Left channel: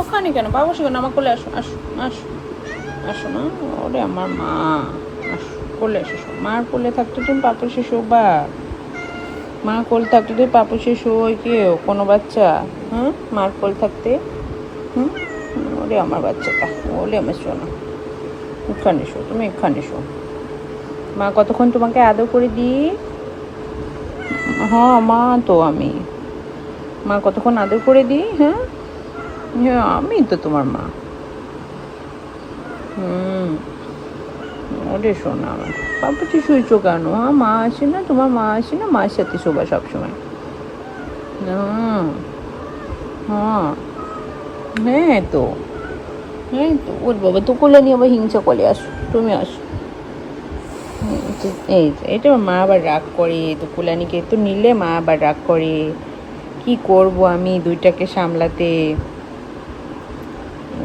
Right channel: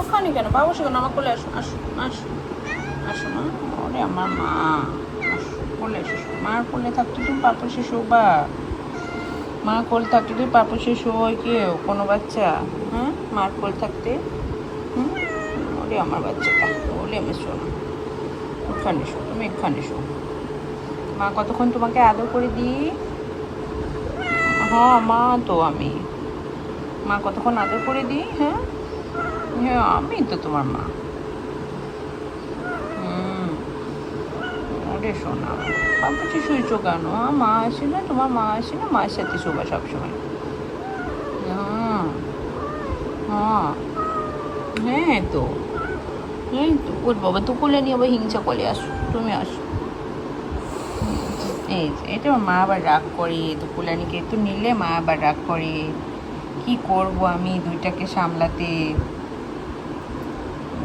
ওখানে কেন? বাবু সেখানে আমার কোলে আসো আসো আসো আসো মা ওরে আমার মা কোলে আসো মার কোলে থাকতে তুমি পাপু শিশু বা। মা কোল থাকতে তুই পাপু শিশু হয় কি, কোনো বাচ্চা? হ্যাঁ মার কোল থাকতে? হুম? ওরে আমার বাচ্চাটা ওলে আমার শোনো এখানে শো তুমি এখানে শো মা, কতক্ষণ তোমাকে আদর করে দিই হ্যাঁ মা, তো আমি। মা, কতক্ষণ আদর করে দিই হ্যাঁ? আমি তো তোমার মা। হুম। সব কিছু হ্যাঁ মা আসে না, তোমার মা আসে না মার সাথে সবসময়। হ্যাঁ। হ্যাঁ হ্যাঁ তো। হ্যাঁ বাবা আবার হিংসা কোলে আসো, তুমি আসো। এই এটা মা আবার রাগ করে তো তো নিলে মা আবার রাগ করে। কি করব আমি দুইটাকে সামলাতে?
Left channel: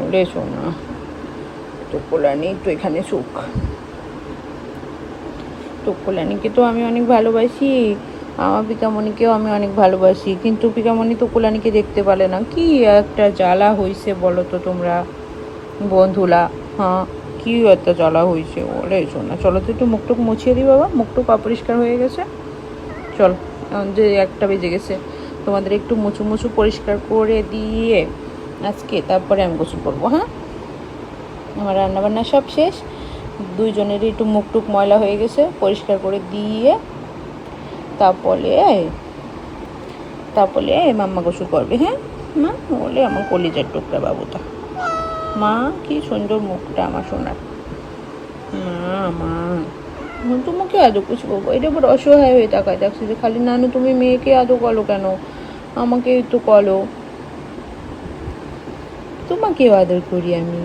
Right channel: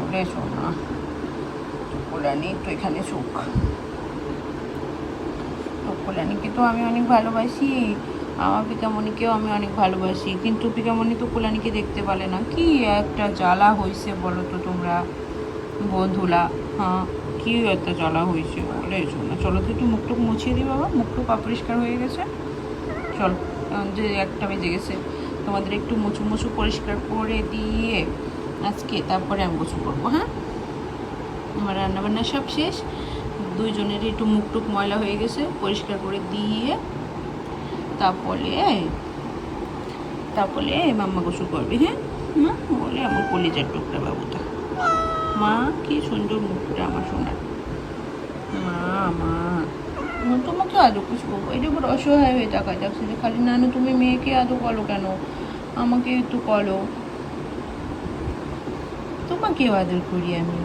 ওরে শোনা তো কুলানি তো এখানে সুখ। তো কুলানিকে তো আমি অনেক ভালোবাসি, আমার পিকামণিকেও আমি অনেক ভালোবাসি, কিন্তু পিকামণি তো কুলানিকে দেখতে পারে না। কি একটা জ্বালা হয়েছে বলো তো তোমরা বন্ধুলা হ্যাঁ কি একটা জ্বালা হয়েছে ওরে শোনা, চলো তো একটু মুখটুক মুছিয়ে দিই বাবা, মুখটুক অপরিষ্কার হয়ে গেছে। চল যে একটা বেজে গেছে, তোমাদের একটু মুছু মুছু পরিষ্কার করে দিয়ে আজকে তারপরে আমি গোসল করব হ্যাঁ? আমার রান্নাবান্না সব শেষ। দুইজনেরই একটু মুখ টুক ময়লা হয়ে গেছে, পরিষ্কার করে দিয়ে তারপরে তারপরে মাম্মা গোসল করবে হ্যাঁ? মা, বলে আমার কলিজার টুকরা বাবুটা। মা, কি সুন্দর মুখটা আমার সোনার। মা তোমাকে আদৌ কিছু বলব? এটা বড় অসহায় হয়ে তাকায় দেখছি যে খালি নানু তুমি মেয়েকে আদৌ করো কেন? আমাকে একটু করো তোমাকেও আদর করি আমি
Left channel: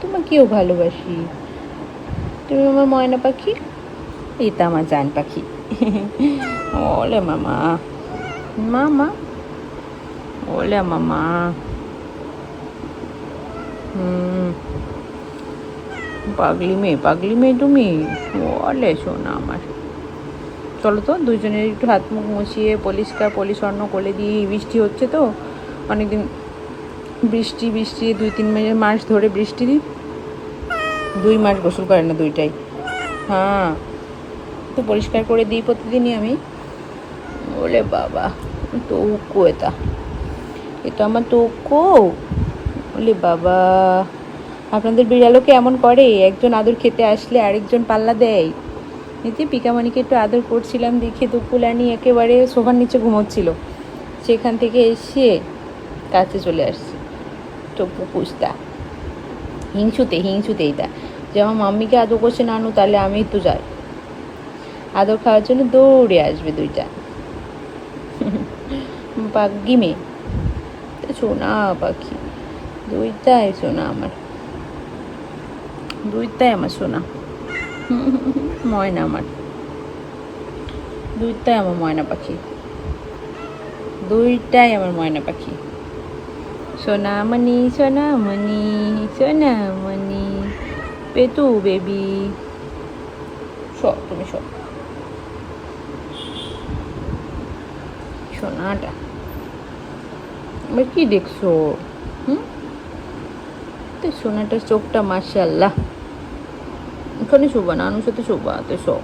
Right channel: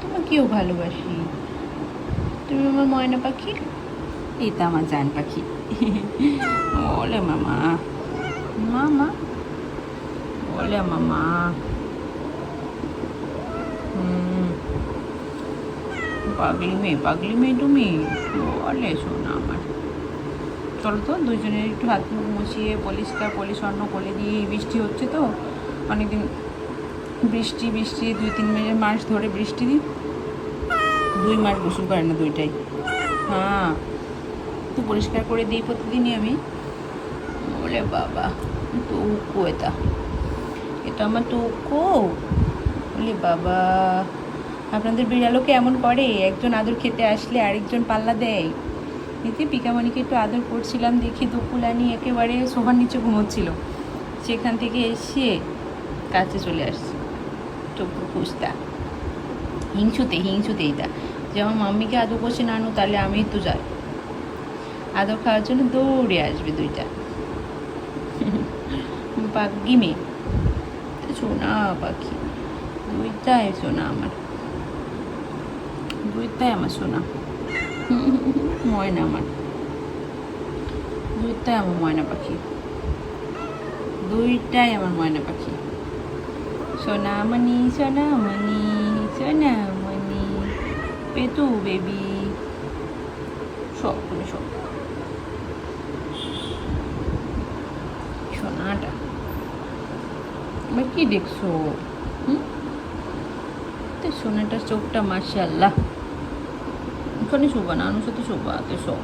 তোমাকেও ভালোবাসি। তুমি আমার ময়না পাখি? তো আমার জান পাখি। ওলে মামা। মামা? ওলে মামা। হুম। পাগলি মেয়ে পাগলি মেয়ে তুমি? বলে শোনা আমার। চলো তো দুজনের একটু হাত মুখ মুছিয়ে পরিষ্কার পরিচ্ছন্ন করে দিয়ে বৃষ্টি হচ্ছে তো অনেকদিন বৃষ্টি বৃষ্টি, দুই, তিন মিনিট মাস ধরে বৃষ্টি। দুই মাস গোসল করে না দুইটাই। হ্যাঁ তো পরিষ্কার করে দিই প্রতিদিনই আমি। বলে বাবা তো উক্কু এটা। এটা আমার তো উক্কু বলে বাবা, আপনাদের বিড়ালকে এমন করে? একজন আদর খেতে আসলে আরেকজন পাল্লা দেয়। এতে পিকামণিকে একটু আদর করছিলাম, দেখে দুপুলানি একেবারে সোফার নিচে ঘুমোচ্ছিল। সেখান থেকে এসে কাছে চলে আসছে। টপ্পু কুস্তা হিংসুতে হিংসুতে এটা। যে আমার মাম্মিকে আদর করছে নানু, তাহলে আমি তো যাই। আদর খাওয়ার জন্য দৌড়ে আসবে দুইটা। পাগি মেয়ে। সোনা পাখি। দুইটাই সোনা আমার। দুইটাই আমার সোনা। ময়না আমার। দুইটাই আমার ময়না পাখি। দুইটাই আমার ময়না পাখি। সোনামণি সোনামণি সোনামণি। পেতু বেবি। সব, তুমি সব। সোনাটা। এবার কি দেখছ? হুম? তো সোনাটার চোখটা মার্শাল্লাহ এখানে শোভা না, আনুর সাথে শোভা তো সব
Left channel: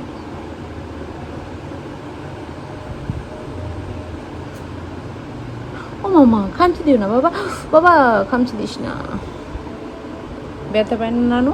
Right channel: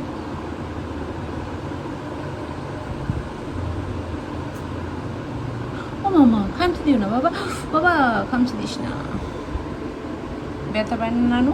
ও মামা খামচি দিও না বাবা বাবা খামচি দিস না ব্যথা পায় না নানু